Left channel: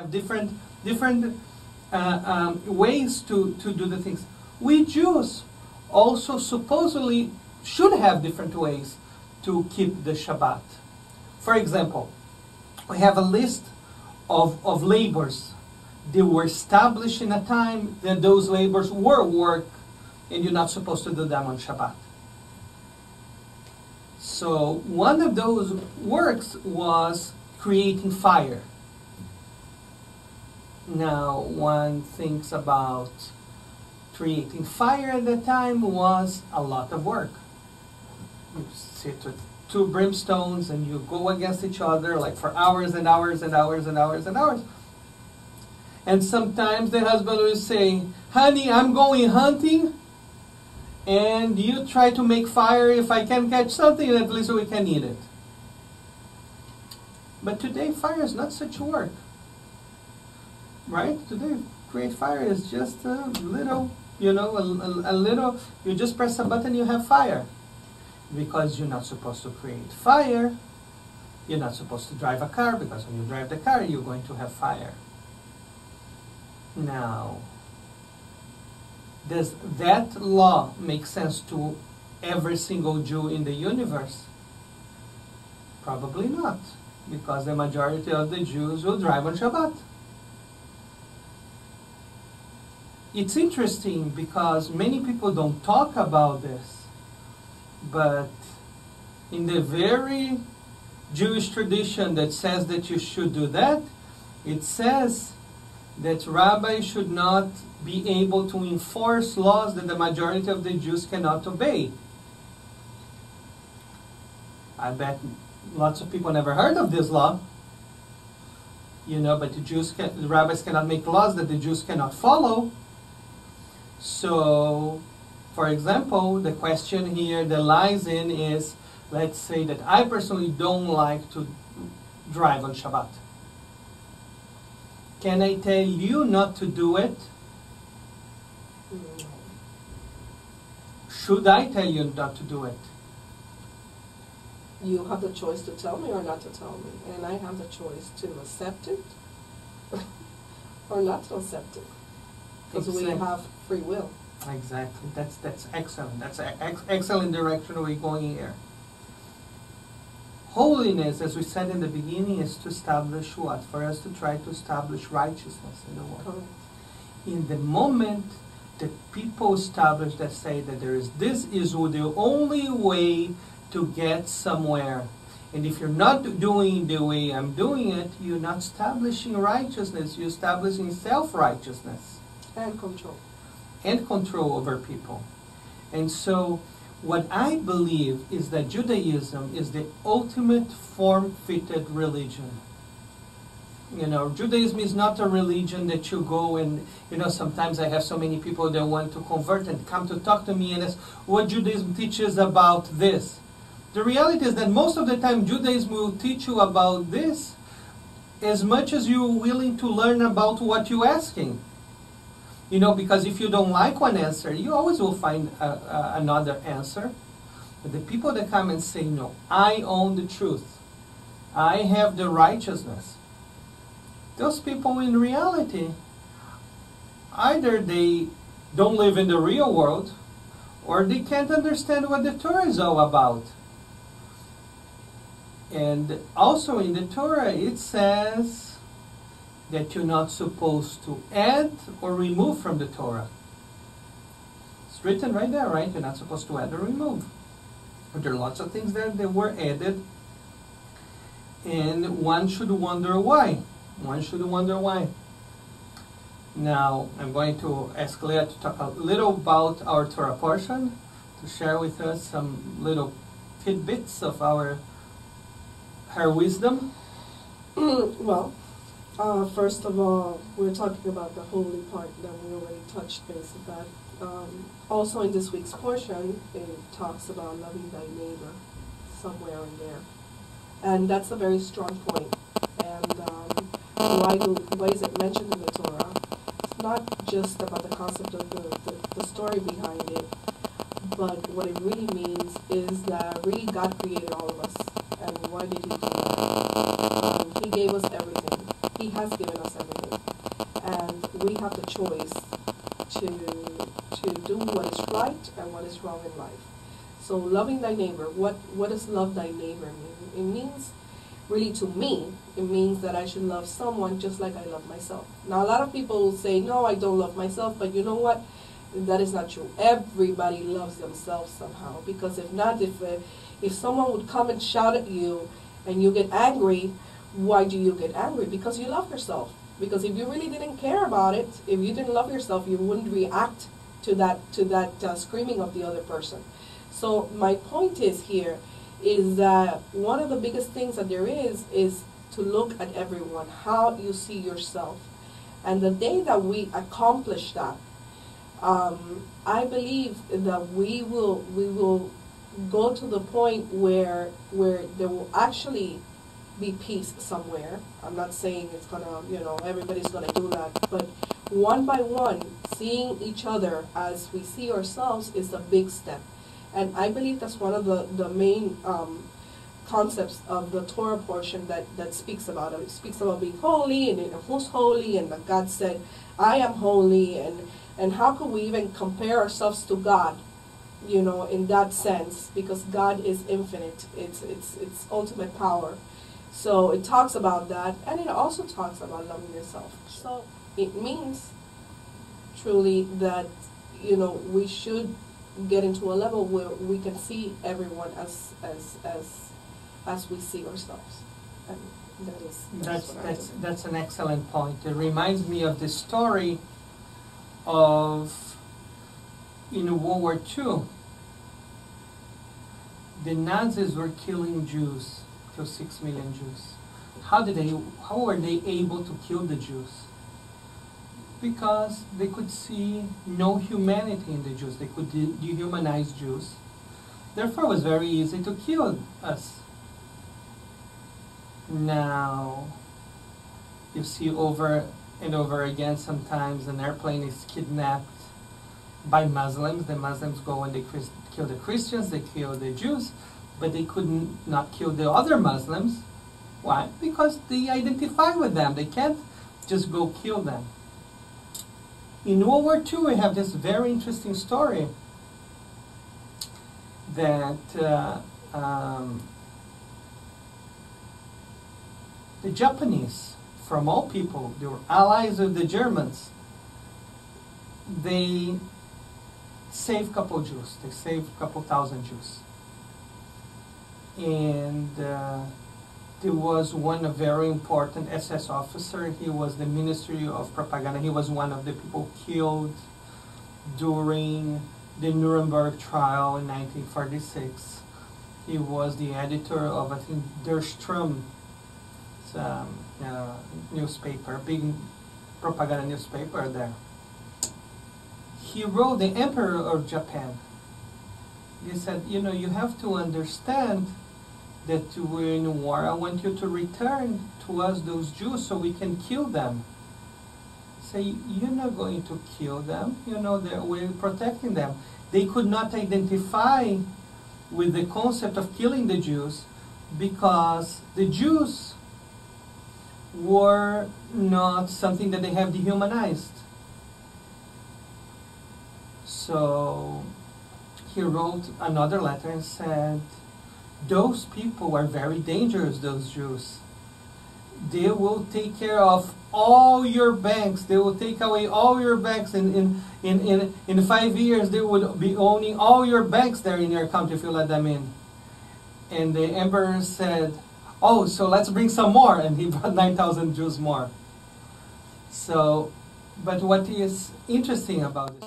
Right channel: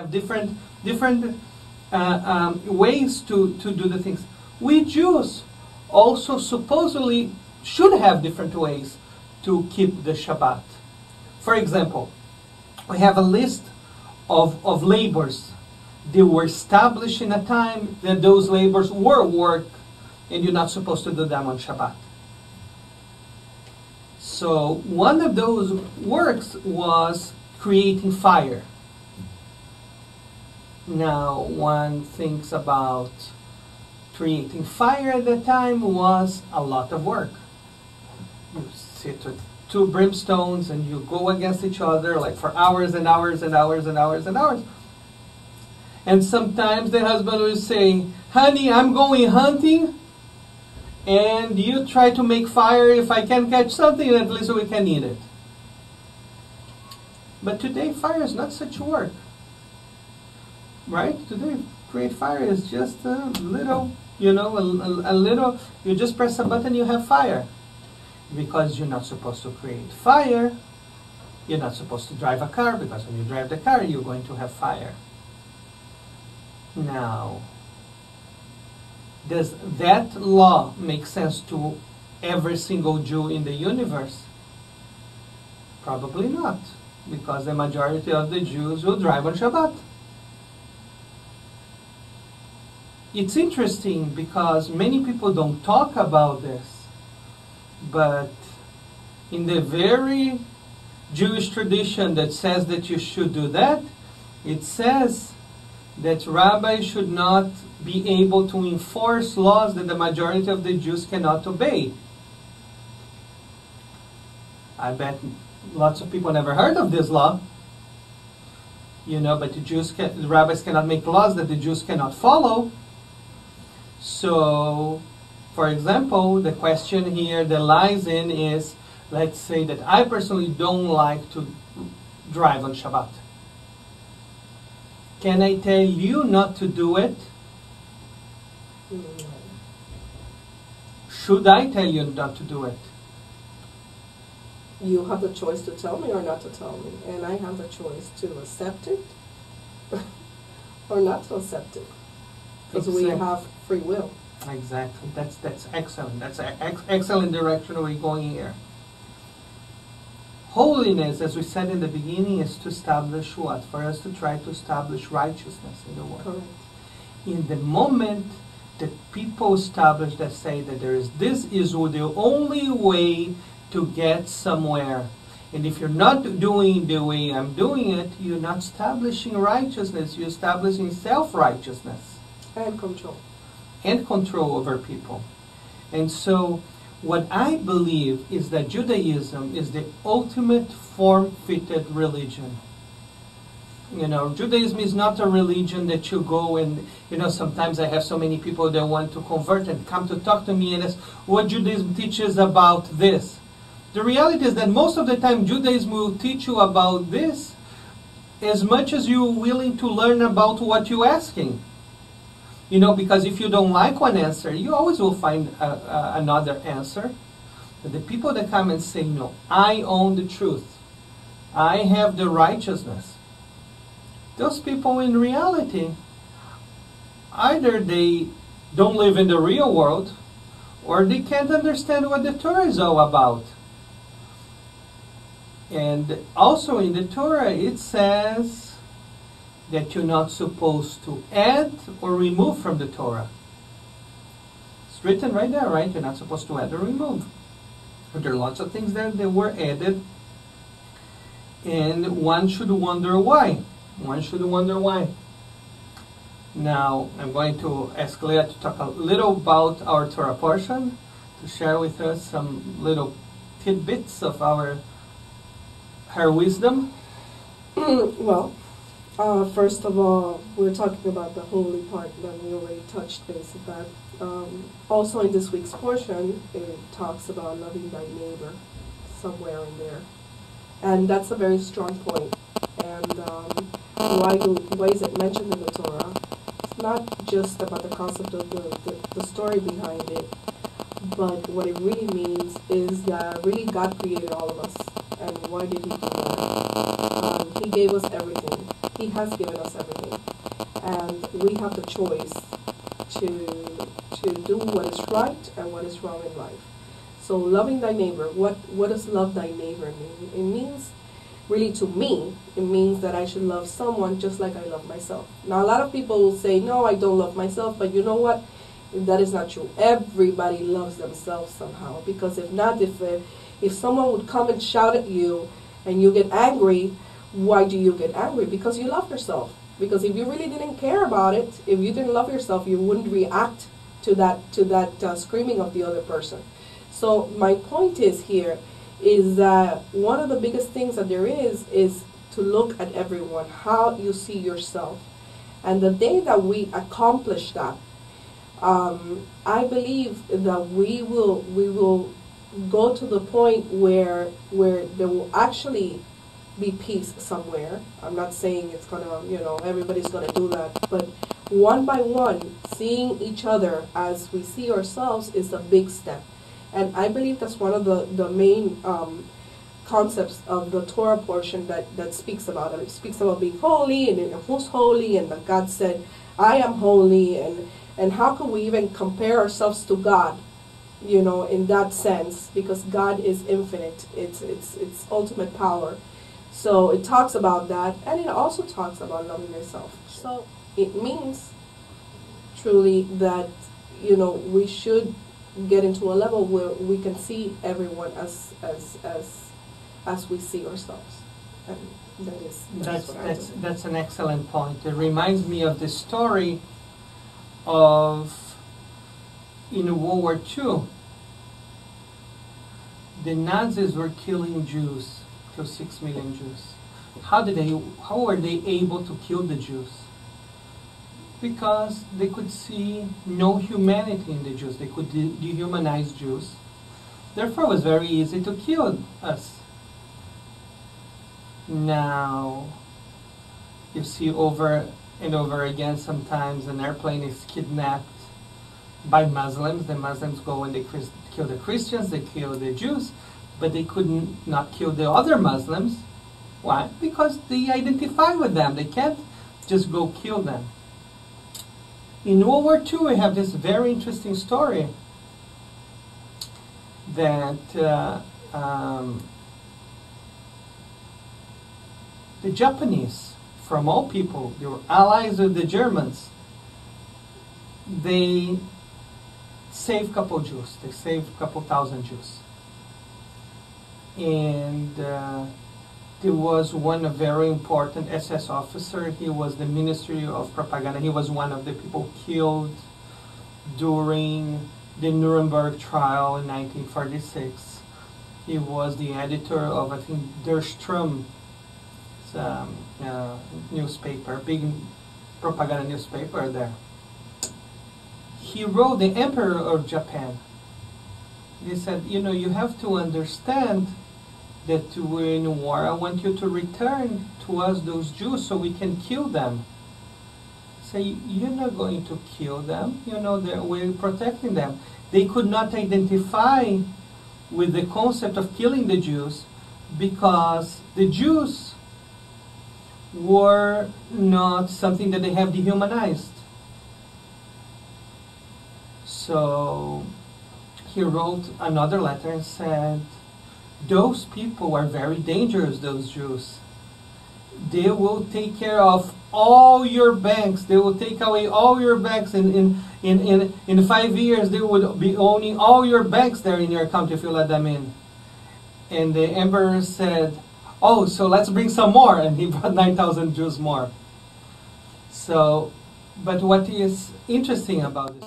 have different ways to do the things. We Jews also supposedly should have different ways to keep the Shabbat. For example, we have a list of labors. They were established in a time that those labors were work, and you're not supposed to do them on Shabbat. So one of those works was creating fire. Now, one thinks about creating fire at that time was a lot of work. You sit with two brimstones and you go against each other like for hours and hours and hours and hours and hours. And sometimes the husband will say, honey, I'm going hunting, and you try to make fire. If I can catch something, at least we can eat it. But today, fire is not such work. Right? Today, create fire is just a little, you know, a little, you just press a button, you have fire. Because you're not supposed to create fire, you're not supposed to drive a car, because when you drive the car, you're going to have fire. Now, does that law make sense to every single Jew in the universe? Probably not, because the majority of the Jews will drive on Shabbat. It's interesting because many people don't talk about this, but in the very Jewish tradition that says that you should do that, it says that rabbis should not be able to enforce laws that the majority of the Jews cannot obey. I bet lots of people never heard of this law. You know, but the rabbis cannot make laws that the Jews cannot follow. So, for example, the question here that lies in is, let's say that I personally don't like to drive on Shabbat. Can I tell you not to do it? No. Should I tell you not to do it? You have the choice to tell me or not to tell me. And I have the choice to accept it or not to accept it. Because we have free will. Exactly. That's excellent. That's an excellent direction we're going here. Holiness, as we said in the beginning, is to establish what? For us to try to establish righteousness in the world. Correct. In the moment that people establish that say that this is the only way to get somewhere, and if you're not doing the way I'm doing it, you're not establishing righteousness, you're establishing self-righteousness. And control. And control over people. And so, what I believe is that Judaism is the ultimate form-fitted religion. You know, Judaism is not a religion that you go and, you know, sometimes I have so many people that want to convert and come to talk to me and ask, what Judaism teaches about this? The reality is that most of the time Judaism will teach you about this as much as you're willing to learn about what you're asking. You know, because if you don't like one answer, you always will find another answer. But the people that come and say, no, I own the truth, I have the righteousness, those people in reality, either they don't live in the real world, or they can't understand what the Torah is all about. And also in the Torah it says that you're not supposed to add or remove from the Torah. It's written right there, right? You're not supposed to add or remove. But there are lots of things there that were added, and one should wonder why. One should wonder why. Now, I'm going to ask Leah to talk a little about our Torah portion, to share with us some little tidbits of her wisdom. Well, first of all, we're talking about the holy part that we already touched base with that. Also in this week's portion, it talks about loving thy neighbor somewhere in there. And that's a very strong point. And why is it mentioned in the Torah? It's not just about the concept of the story behind it, but what it really means is that really God created all of us. And why did he do that? He gave us everything. He has given us everything. And we have the choice to do what is right and what is wrong in life. So loving thy neighbor, what does love thy neighbor mean? It means, really to me, it means that I should love someone just like I love myself. Now a lot of people will say, no, I don't love myself, but you know what? That is not true. Everybody loves themselves somehow, because if not, if someone would come and shout at you and you get angry, why do you get angry? Because you love yourself. Because if you really didn't care about it, if you didn't love yourself, you wouldn't react to that screaming of the other person. So my point is here is that one of the biggest things that there is to look at everyone, how you see yourself. And the day that we accomplish that, I believe that we will go to the point where there will actually be peace somewhere. I'm not saying it's gonna, everybody's gonna do that, but one by one, seeing each other as we see ourselves is a big step. And I believe that's one of the main concepts of the Torah portion that speaks about it. It speaks about being holy and who's holy, and that God said, I am holy, and how can we even compare ourselves to God, in that sense, because God is infinite. It's ultimate power. So it talks about that, and it also talks about loving yourself. So it means truly that, we should get into a level where we can see everyone as we see ourselves. And that's an excellent point. It reminds me of the story of in World War II. The Nazis were killing Jews. Killed 6 million Jews. How were they able to kill the Jews? Because they could see no humanity in the Jews. They could dehumanize Jews. Therefore, it was very easy to kill us. Now, you see over and over again, sometimes an airplane is kidnapped by Muslims. The Muslims go and they kill the Christians, they kill the Jews, but they could not kill the other Muslims. Why? Because they identify with them. They can't just go kill them. In World War II, we have this very interesting story that the Japanese, from all people, they were allies of the Germans. They saved a couple Jews. They saved a couple thousand Jews. And there was one very important SS officer. He was the Ministry of Propaganda. He was one of the people killed during the Nuremberg trial in 1946. He was the editor of, I think, Der Strom newspaper, big propaganda newspaper there. He wrote the Emperor of Japan. He said, you have to understand that we're in a war. I want you to return to us those Jews so we can kill them. Say, you're not going to kill them. We're protecting them. They could not identify with the concept of killing the Jews because the Jews were not something that they have dehumanized. So he wrote another letter and said, those people are very dangerous, those Jews. They will take care of all your banks. They will take away all your banks. In 5 years, they would be owning all your banks there in your country if you let them in. And the emperor said, oh, so let's bring some more. And he brought 9,000 Jews more. So, but what is interesting about this